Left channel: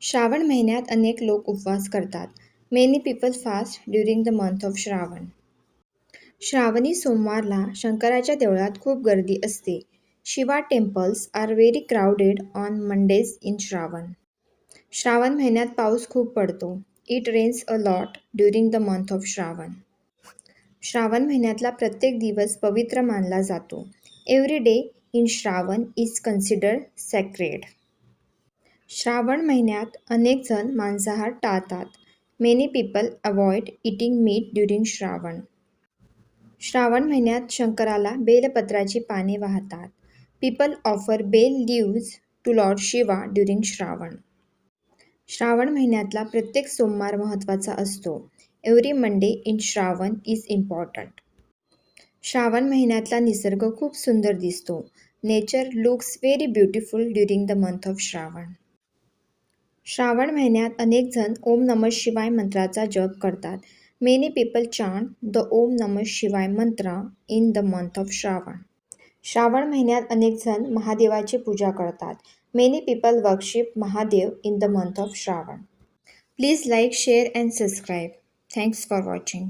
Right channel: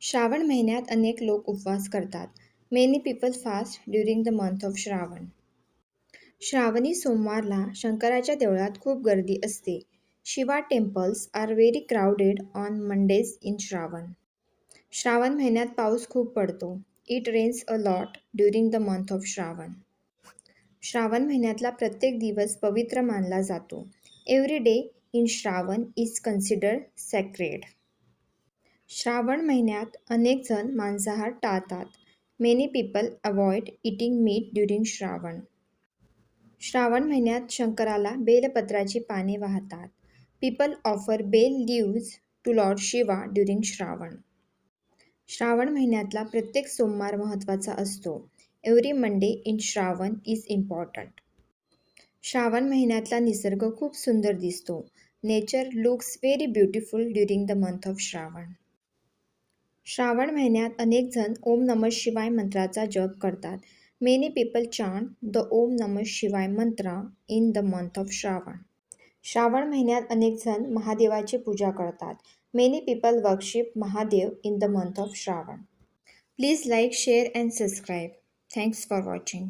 श्रावण महिन्यात अनेक लोक उपवास करतात. Many people fast during the month of Shravan. श्रावणी सोमवारला शंकराच्या देवळात खूप गर्दी असते. Shiva temples are very crowded on Mondays in Shravan. Shravan महिन्यात पाऊस खूप पडतो. It rains a lot during the month of Shravan. Shravan महिन्यातला प्रत्येक दिवस पवित्र मानला जातो. Every day in Shravan is considered sacred. Shravan महिन्यात अनेक जण मांसाहार टाळतात. Many people avoid eating meat during Shravan. Shravan महिन्यात शंकराला बेलपत्राची पाने वाहतात. People offer bel leaves to Lord Shiva during Shravan. Shravan महिन्यातला प्रत्येक सोमवार महत्त्वाचा असतो. Every Monday in Shravan is important. Shravan महिन्यातला निसर्ग खूप सुंदर दिसतो. Nature looks very beautiful during the month of Shravan. Shravan महिन्यात अनेक जण ओम नमः शिवाय मंत्राचा जप करतात. Many people chant the Om नमः Shivaya mantra in the month of Shravan. Shravan महिन्यात अनेक जण महादेवाची पूजा करतात. Many people worship Mahadev in the month of Shravan. Please like, share and subscribe. Thanks for watching.